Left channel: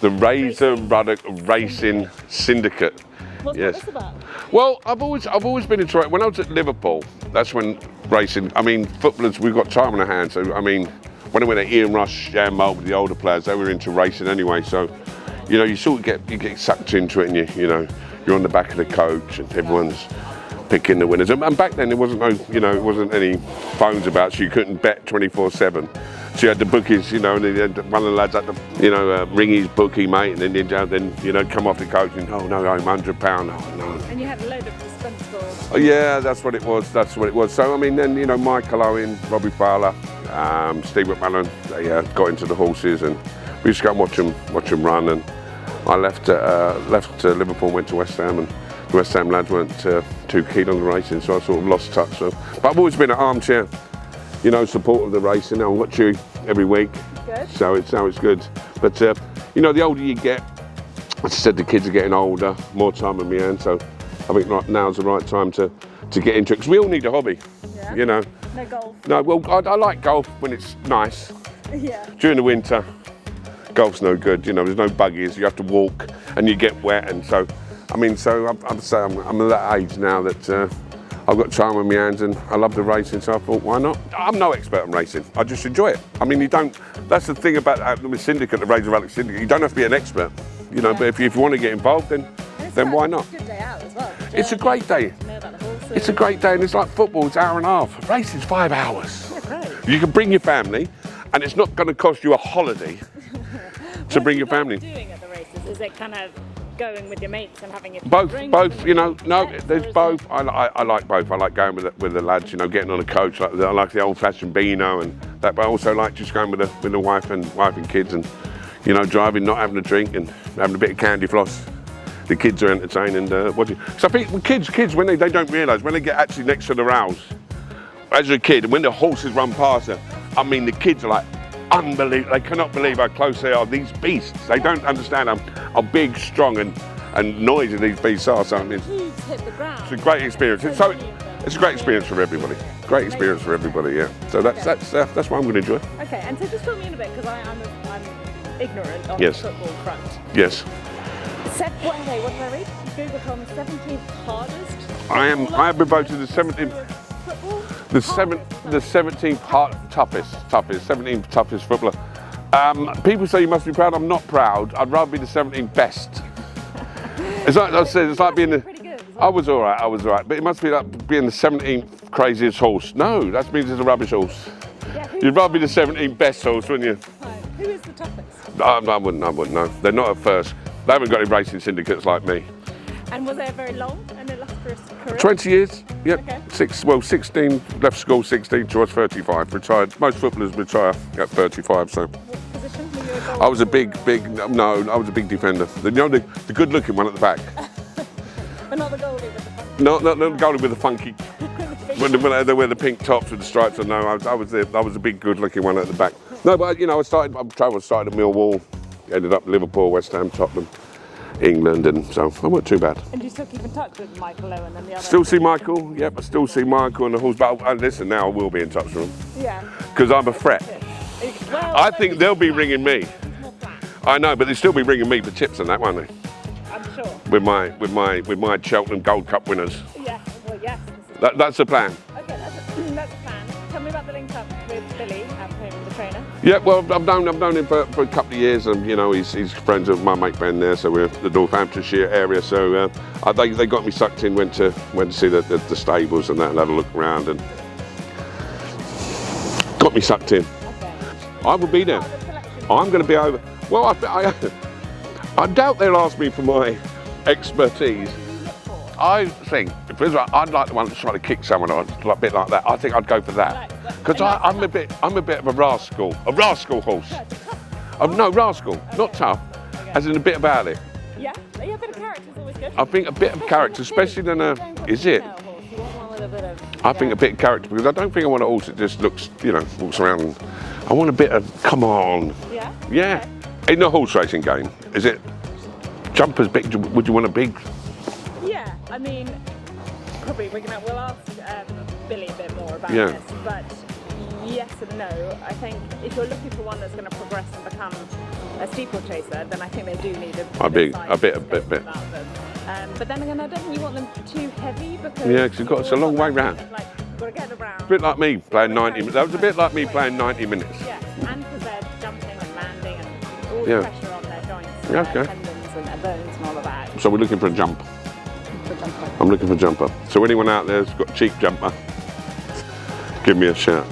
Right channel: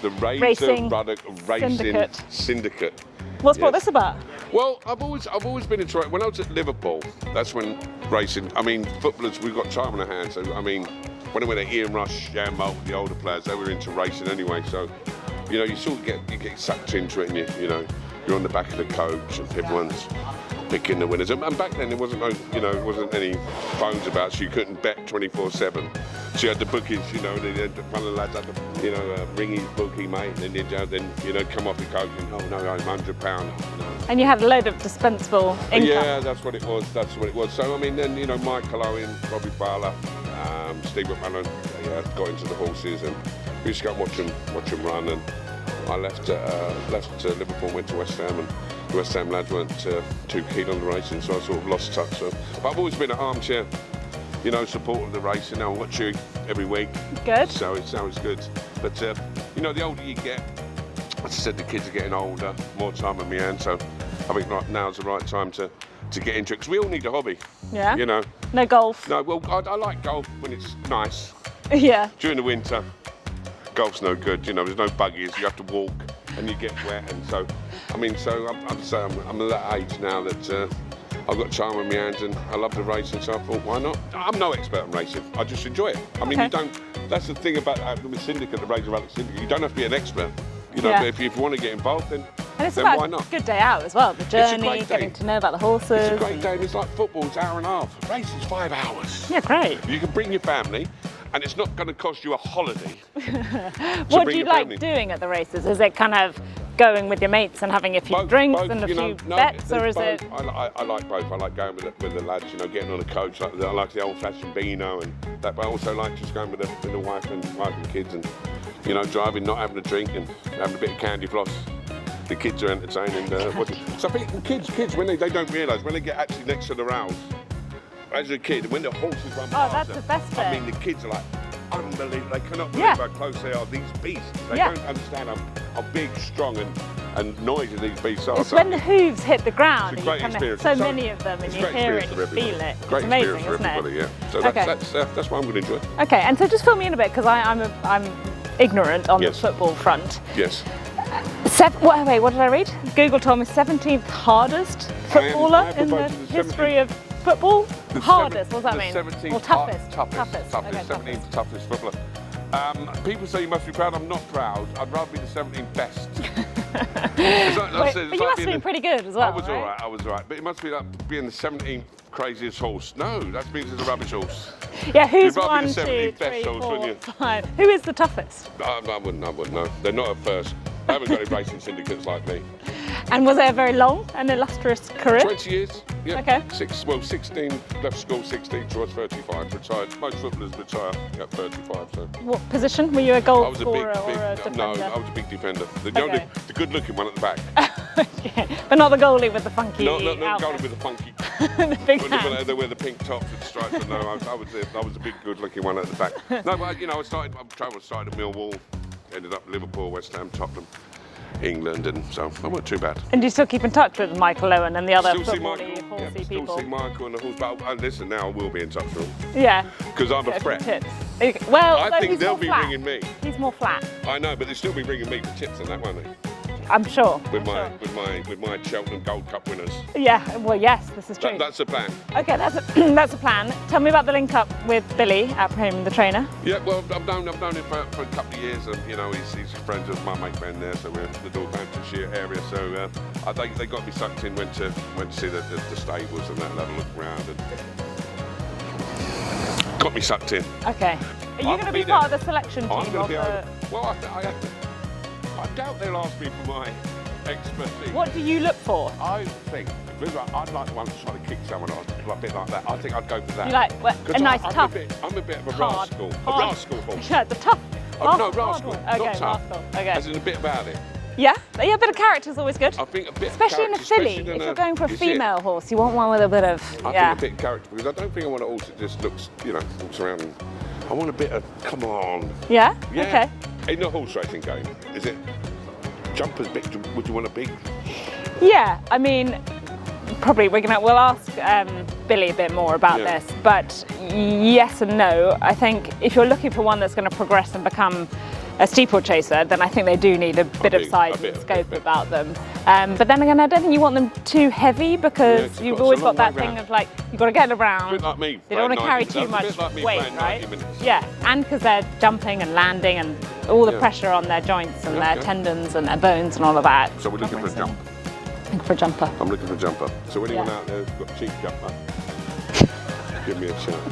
The Razor Ruddock Racing Syndicate. What's this about? Well, I've always been into it. When I was at Liverpool, that's when racing. I mean, footballers, we've got time on our hands. So I mean, when I went at Ian Rush, Jan Moult, the older players, they were into racing anyway. So, you know, you sort of get sucked into it, and you know, you're on the back of the coach, and everyone's picking the winners. And back then, there wasn't it wasn't any phones about, so you couldn't bet 24/7. So you had the bookies, you know, and then one of the lads had to, ring his bookie, mate, and then come off the coach and, oh no, I'm £100. Oh, no. And you had a load of dispensable income. Yeah, that's what it was. So I mean, then Michael Owen, Robbie Fowler, Steve McMahon, they got into the horses, and we used to go and watch them run. And I left Liverpool, went to West Ham, and the West Ham lads weren't too keen on the racing, so I sort of lost touch. So, but I've always been an armchair, support of the racing. I watch you every week. Good. So it's good. But the older you get, as I said, the kids are getting older, more time on my hands. So I think now's the right time to get into it, because we all need a hobby. Yeah. No golf. No, well, I like golf when it's nice. Yeah. During the winter, golf's no good. There's no buggies. You have to walk, and you get wet, and so. I'm at that age now that I've got time on my hands, and I love the racing, so I thought, why not? I'm no expert on racing, I just enjoy it. I mean, that's the thing about the syndicate, the Razor Ruddock Syndicate, you don't have to be an expert. But if you want to get involved, then why not? It's a good day out as well. It's a great day. To know about the horses. It's a great day, and it's like football, it's an hour and a half. Racing's 5 hours. Yeah, great. You can bring your family, and it's not going to cost you a holiday to bring your family. What do you like doing at the races? Is it kind of going with your mates and having a few drinks both, and there's both. I like both. I like going with the lads, getting on a coach. I like the old-fashioned Beano and that, but I also like just going with the wife and kids, and driving, not having a drink, and having a bit of candy floss. The kids are entertaining watching. So I think kids when they don't realise, when they get actually next to the rails, as a kid, when the horses run past them, I mean, the kids are like unbelievable. They cannot believe how close they are. These beasts, they don't understand how big, strong, and noisy these beasts are. When the hooves hit the ground, it's a great experience. So many of them. It's a great experience for everybody. Great experience for everybody. Yeah. So that's why I'm going to enjoy. Okay, and so just fill me in a bit, because I'm ignorant on the football front. Yes. Wait, what did I read? Google told me 17th hardest footballer I have been voted the 17th. Football? The 17th toughest, 17th toughest footballer. People say you must be proud. I'm not proud. I'd rather be the 17th best. It's like being pretty good as well. I was all right. But it must be like being the 17th craziest horse. No, that means it's a rubbish horse. Yeah, who's You'd rather be the 17th best horse, wouldn't you? Who is the toughest? I wouldn't know. They're not at first. They haven't got any racing syndicates like me. And was it a very long and illustrious career? 20 years, yep. Okay. 16, left school 16 to I was 35, retired. Most footballers retire at 35, so. What position? Were you a goal? I was a big, I was a big defender. The good looking one at the back. Okay. But not the goalie with the funky. Not the goalie with the funky. when they wear the pink tops with the stripes. No, I was a big, good looking one at the back. No, but I started at Millwall, ended up Liverpool, West Ham, Tottenham, England, and so I wasn't too bad. And do you still keep in touch with Michael Owen and the other? Still see Michael, I still see Michael and the horse. But listen, now I will be in touch with them. Yeah. Because I'm a threat. Well, I think they'll be ringing me. He's more flat. I know, but they'll still be ringing me for tips and that, won't they? I'm sure. With my Cheltenham Gold Cup winners. Yeah. Well, yes, this is true. That's the plan. Okay, that's a plan. Tell me about the link up with Billy at home, the trainer. Yeah, well, I've known him for a couple of years, and he's friends of my mate Ben there, so we're the Northamptonshire area. So they got me sucked in, went to see the stables and that, and had a look around, and got me sucked in. Okay. I will be there. Part of the selection. I'm going to be over. Well, I doubt they'll ask me for my expertise. What do you look for? I think, I'd like the one that's trying to kick someone on, a bit like that. I think I'd go for that. Because I'm a bit of a rascal. A rascal horse. No, the tough. No, rascal, okay, not tough. Okay. As in a bit about it. Yeah, a bit of character is always good. I think a bit of character, especially in a. If you're going for a female horse, you want one with a bit of. I think a bit of character, because I don't think I want a horse that just looks, walks around. And, I want a bit of come on. Yeah. Yeah. Okay. In the horse racing game, is it jumpers big? Would you want a big? Yeah, I mean, probably we'll ask Billy a bit more about this, but yes and no. I think if you're looking for one that's going to progress and become a steeplechaser, then I think they do need a bit of size and scope about them. But then again, I don't think you want them too heavy because you've always got that thing of like, you've got to get around. A bit like me playing 90 minutes. That was a bit like me playing 90 minutes. Yeah, and because they're jumping and landing and all the pressure on their joints and their tendons and their bones and all of that. So we're looking for a jump. Looking for a jumper. I'm looking for a jumper. So anyone out there's got a cheap jumper, give me a shout.